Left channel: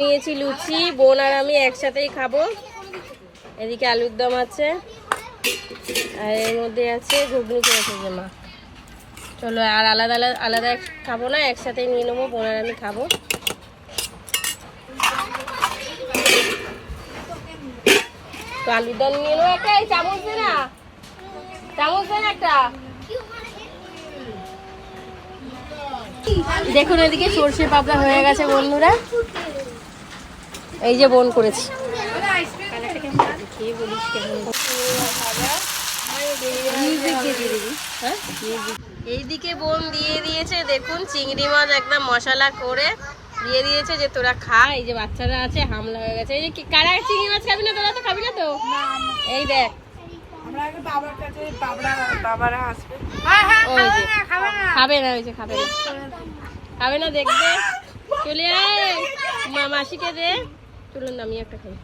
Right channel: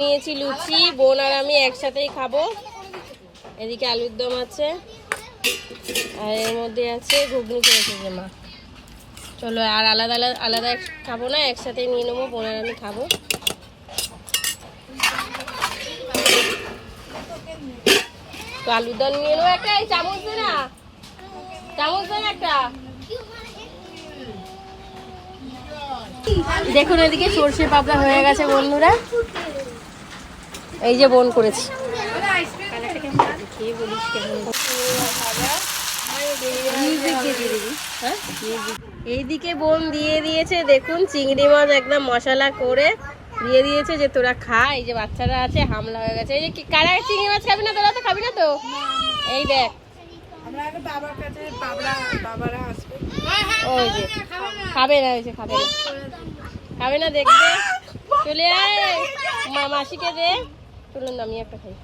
নিয়েছি লুচি, বোন আর আমি একসাথেই খাবো। এদিকে আলুর দম আছে আর এর মধ্যে আছে ঘুগনি করেছে যে মা। চলো আর আলাদা আলাদা খাবো না, একসাথেই নিয়ে নেবো, বোন আর আমি খাবো। তো আলুর দম নিয়ে নেবো একটা। এই চামচ দে না, চামচ দে না একটা। দেখুন এদিকে সর্ষে পাপড়া হয়ে গেছে বন্ধুরা, এই যে বোন করেছি। এইদিকে বোন দিয়ে দিয়েছে, দেখুন চিংড়ি মাছ একদম মশলা করে দিয়ে দিয়েছে যে তোরা খা। এই যে বাচ্চারা আছে, হামলা হয়ে গেছে। এই যে কারা চিংড়ি মাছ খাবি না? তোরা তো খাবি না তো? এই দেখ খাবে না, ওই যে খাবে না, খাবে না, দেখবে। চলে আয় মাসিকে দে। চলুন আমি একটা খাই।